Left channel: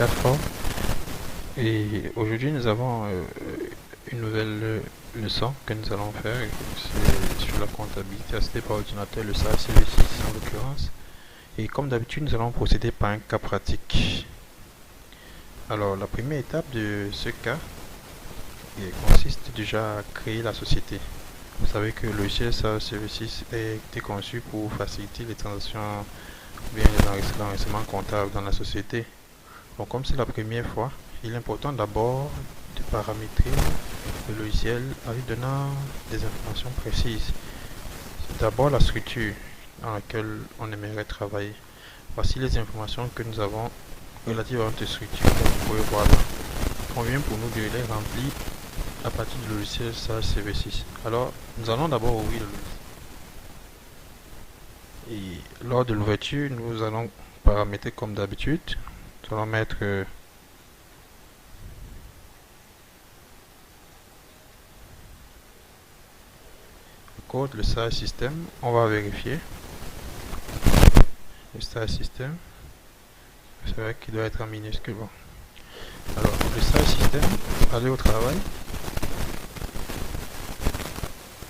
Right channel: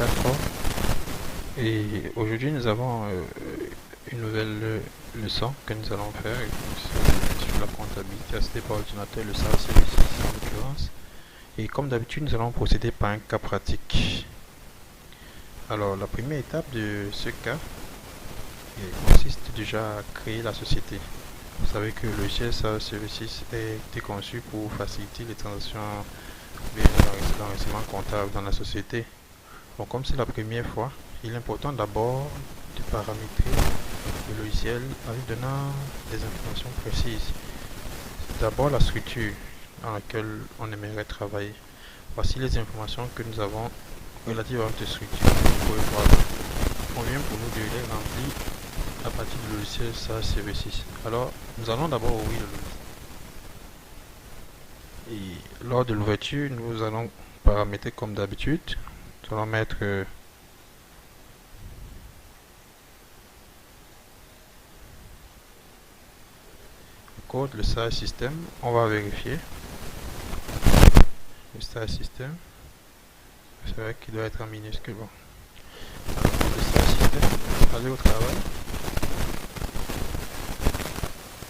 plateforme. Et aujourd'hui, nous avons une nouvelle leçon que nous allons faire. C'est sur la comptabilité assistée par ordinateur, le SAL CV6 en l'occurrence. Et comme d'habitude, nous allons procéder par un cas pratique. Alors, la première étape de ce cas consiste déjà à créer la société. Vous savez que le logiciel SAL CV6 a été conçu pour faciliter les transactions ou bien l'enregistrement comptable dans la société. Donc, comme c'est la première fois, il est important d'abord de paramétrer le logiciel en lui donnant des informations précises. D'abord, la structure dans laquelle on aimerait travailler. Voici les informations que nous avons relatives à notre structure, comme vous pouvez voir là. Il convient pour nous de les remplir à partir du logiciel SAL CV6. Alors, nous allons d'abord ouvrir le logiciel. Et lors de l'ouverture, nous allons paramétrer comme d'habitude. Nous allons mettre le code, le SAL système. On va vérifier. Le SAL système. C'est vrai qu'il doit être en minuscule. Bon. Alors, le SAL système, aller au travail.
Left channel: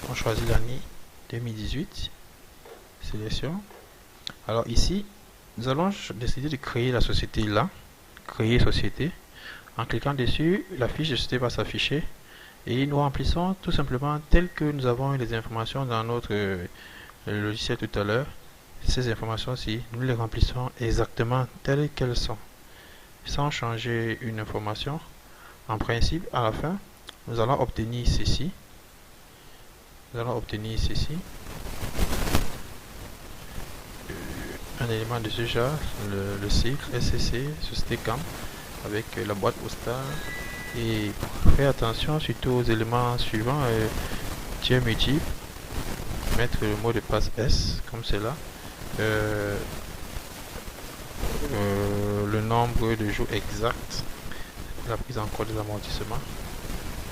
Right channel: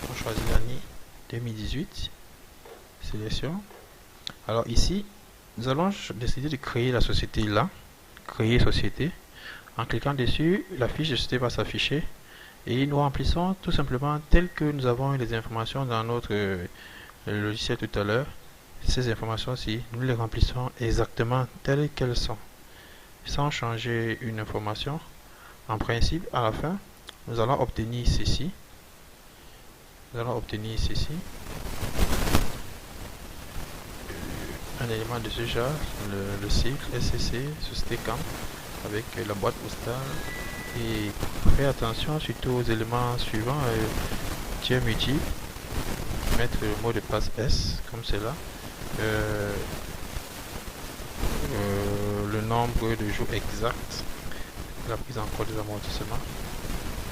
On choisit l'année 2018. Sélection. Alors ici, nous allons décider de créer la société là. Créer société. En cliquant dessus, la fiche de société va s'afficher. Et nous remplissons tout simplement tel que nous avons eu les informations dans notre logiciel tout à l'heure. Ces informations-ci, nous les remplissons exactement telles qu'elles sont, sans changer une information. En principe, à la fin, nous allons obtenir ceci. Nous allons obtenir ceci. Un élément de ce genre, le cycle SCC, Société CAM, avec la boîte postale. Et faire attention surtout aux éléments suivants, tiers multiple, mettre le mot de passe S, comme c'est là. Le nombre de jours exact, la prise en compte des amortissements.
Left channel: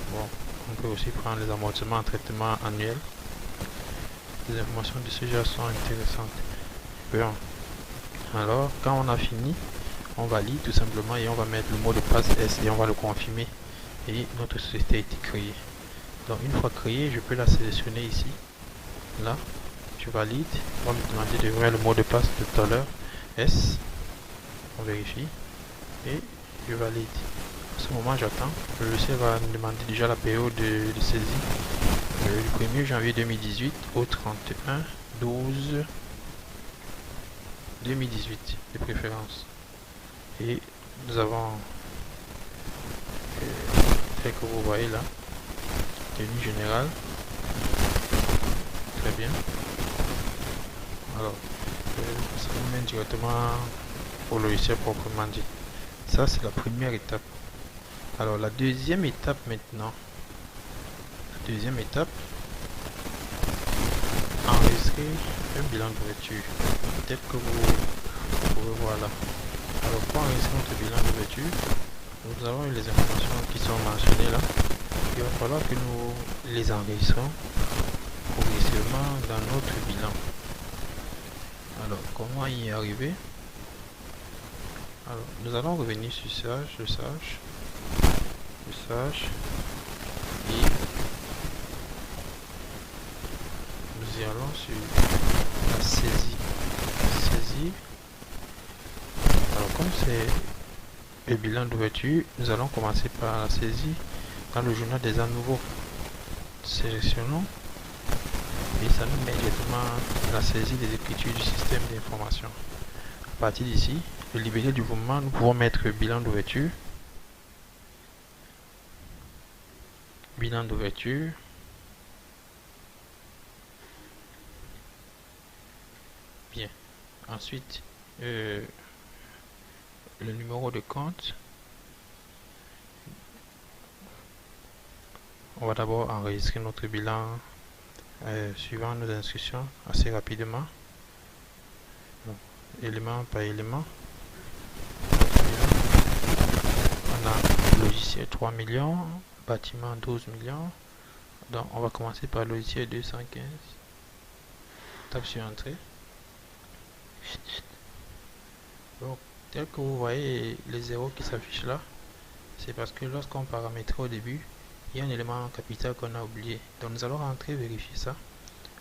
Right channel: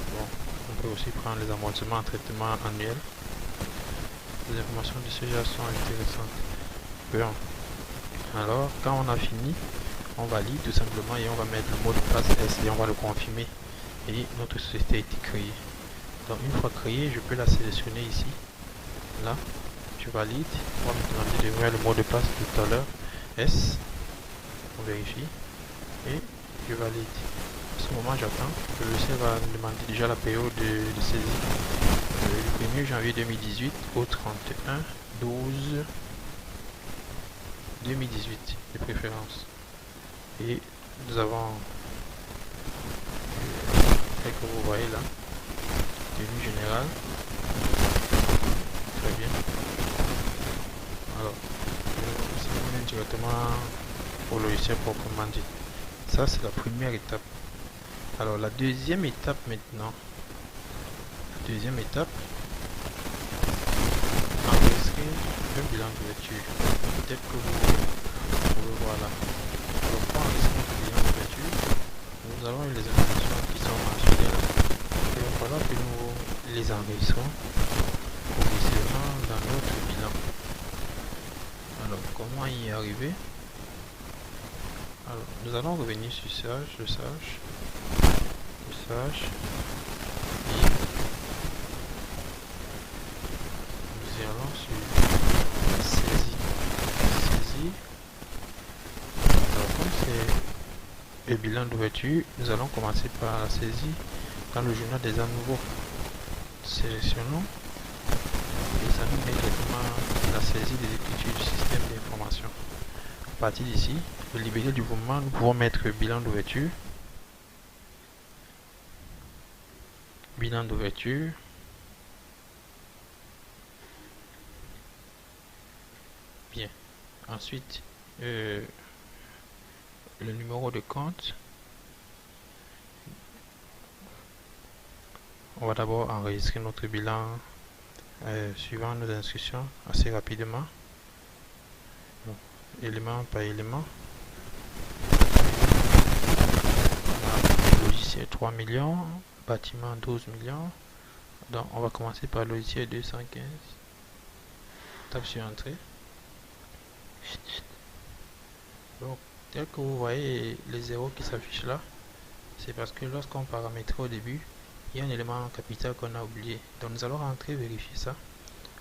Bon, on peut aussi prendre les amortissements en traitement annuel. Les informations de ce genre sont intéressantes. Bon, alors quand on a fini, on valide tout simplement et on va mettre le mot de passe S et on va le confirmer. Et notre société a été créée. Donc une fois créée, je peux la sélectionner ici. Là, je valide. On va me demander de voir le mot de passe tout à l'heure. S. On vérifie. Et je valide. À ce moment, j'attends. Le logiciel va me demander déjà la période de saisie. Du 1er janvier 2018 au 31/12/2018 de préférence. Et nous avons, tel que vous voyez là, tenue générale. Très bien. Alors, ça nous mène directement au logiciel proprement dit. Ça, c'est la première étape. Alors, la deuxième étape maintenant. La deuxième étape, enregistrer un bilan d'ouverture, tel que vous pouvez voir là. Alors, pour enregistrer notre bilan d'ouverture, nous avons les informations qui sont mentionnées là. Il va falloir que nous les enregistrons progressivement dans notre bilan. Alors, comment y arriver? Alors, nous allons revenir sur le sage, et nous y allons sur la saisie. Alors, comme c'est le bilan d'ouverture, nous allons commencer par la saisie dans le journal des ans nouveaux. Sélectionnons et ça nous met directement la saisie des écritures du système d'information. À partir d'ici, le libellé du mouvement, nous pouvons mettre bilan d'ouverture. Bilan d'ouverture. Bien. Ensuite, le numéro de compte. On va d'abord enregistrer notre bilan suivant nos instructions assez rapidement. Bon, élément par élément. Notre bilan. On a logiciel 3 millions, bâtiment 12 millions. Donc on va commencer par logiciel 215. Tape sur entrée. Donc Tel que vous voyez les zéros qui s'affichent là, c'est parce que lorsqu'on paramétrait au début, il y a un élément capital qu'on a oublié. Donc nous allons rentrer vérifier ça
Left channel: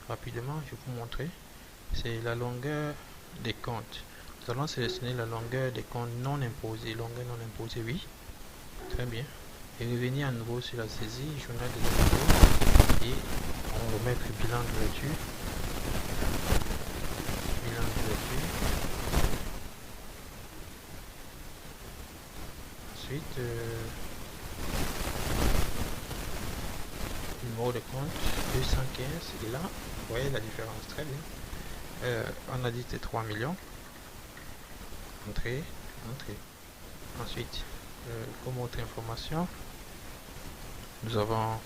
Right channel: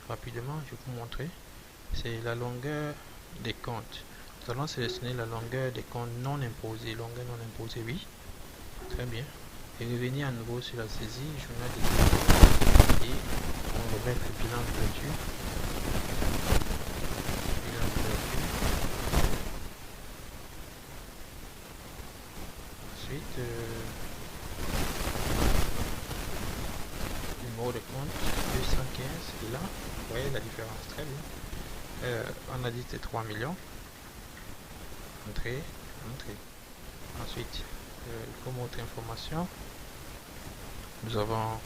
rapidement. Je vais vous montrer. C'est la longueur des comptes. Nous allons sélectionner la longueur des comptes non imposés. Longueur non imposée, oui. Très bien. Et revenir à nouveau sur la saisie, journal des impôts. Et on va remettre bilan d'ouverture. Bilan d'ouverture. Ensuite, numéro de compte 215. Et là, vous voyez la différence. Très bien. On a dit c'est 3 millions. Entrée, entrée. Ensuite, comme autre information, nous avons